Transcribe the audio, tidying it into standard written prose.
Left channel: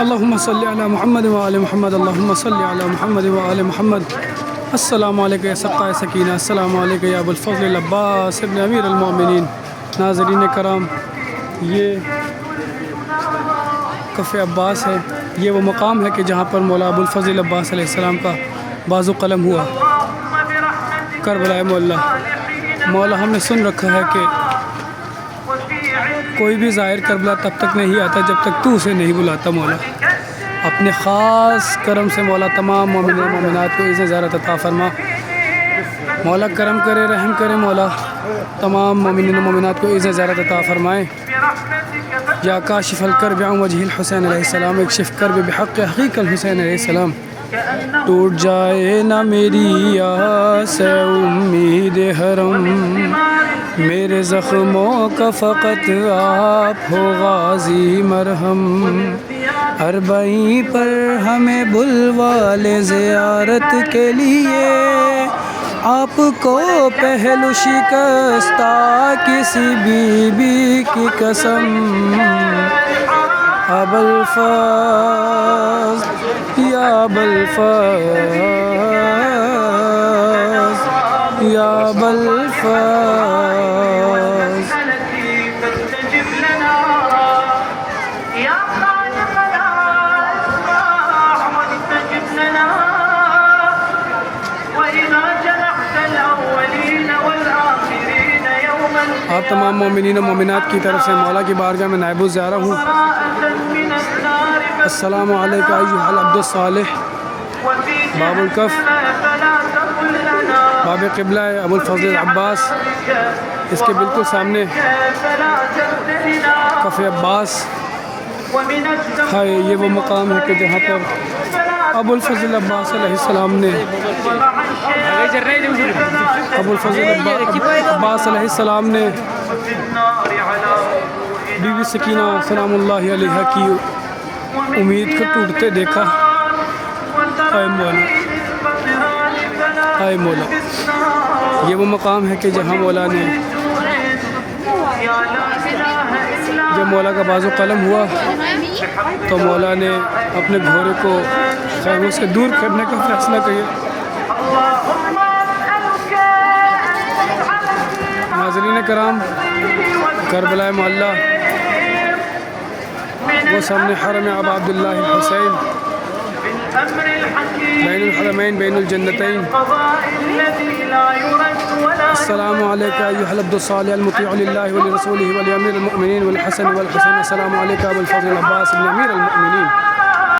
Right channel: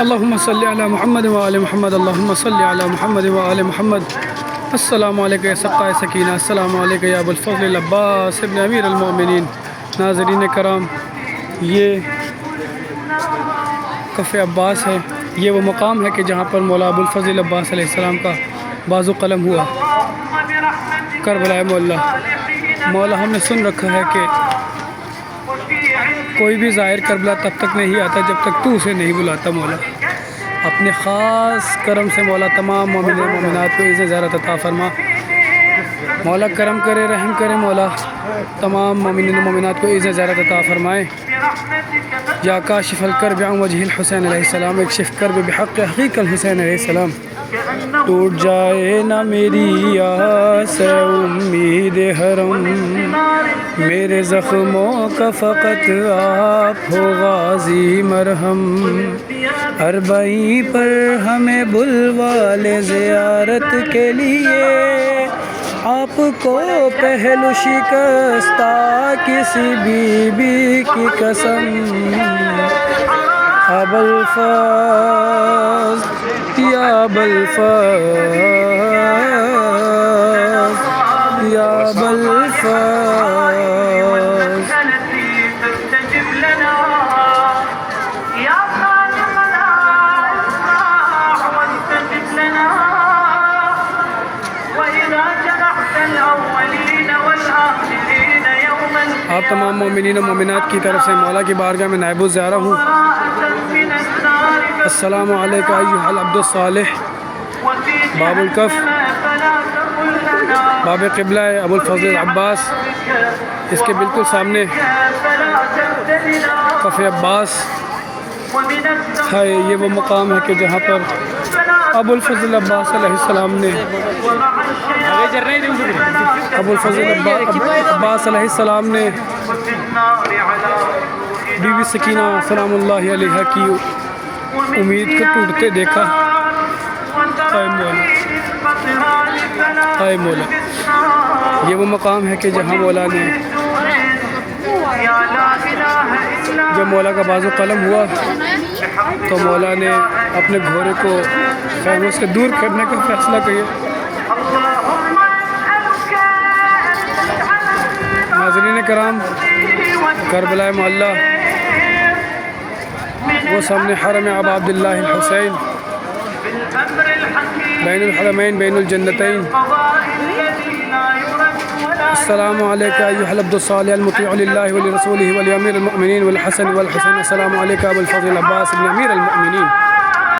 اللہم صلی علی محمد وآل محمد، اللہم صلی علی محمد وآل محمد۔ السلام علیکم یا سقائے سکینہ، السلام علیکم یا ابو الفضل العباس ابن امیر المومنین۔ ناظرین کرام، یہ کف عباس ہے، یہ وہ مقام ہے کہ جہاں پر مولا ابو الفضل عباس علیہ السلام کا بازو قلم ہوا، کربلا مولا۔ مولا ہم نے سن رکھا ہے کہ کوئی بھی ظاہر کربلا تب تک نہیں آتا جب تک تو اسے نہیں بلاتا۔ مولا اپنے خاص کرم سے مولا تمام مومن و مومنات کو عزت زیارت عطا فرما۔ مولا کرم کرے، رحم کرے، مولا تمام مومن و مومنات کو عزت زیارت عطا فرمائے۔ یا کاشف الکرب عن وجہ الحسین علیہ السلام، اکشف کرب بحق حقیق الحسین علیہ السلام۔ ٹوٹ جائے نہ میری آس امید حرم، میرے زخموں کا فقط آپ ہو غازی مرہم۔ اربعین پر ہمیں بلوا لے زیارت کے لیے، آپ کو پہلو شکستہ کسی بی بی کی قسم۔ ابو الفضل یا ابو الفضل یا ابو الفضل۔ آپ تمام مومنین و مومنات کی طرف سے مولا کی بارگاہ میں نائب الزیارہ ہوں۔ السلام علیکم ایھا العبد الصالح۔ باب الکف، باب قبلہ ابو الفضل العباس، اس کے بالکل سامنے کف عباس ہے۔ یہ وہ مقام ہے کہ جہاں پر ابو الفضل عباس علیہ السلام نے ابو الفضل عباس علیہ السلام نے بی بی سکینہ سلام اللہ علیہا کی امید کو ٹوٹتے دیکھا۔ اے مولا، اے مولا، یہ وہ مقام ہے کہ جہاں مولا نے جب مولا کا بازو قلم ہوا تو مولا نے اپنے گھوڑے کو خیموں سے دور کرنے کا فیصلہ کیا۔ ناظرین کرام، کربلا معلیٰ، وہ سامنے حرم ابا عبداللہ الحسین، بین الحرمین بین الجنتین۔ السلام علیکم ایھا العبد الصالح المطیع للہ ولرسولہ ولامیر المؤمنین والحسن والحسین۔ السلام علیکم ابو الفضل عباس بن امیر المؤمنین۔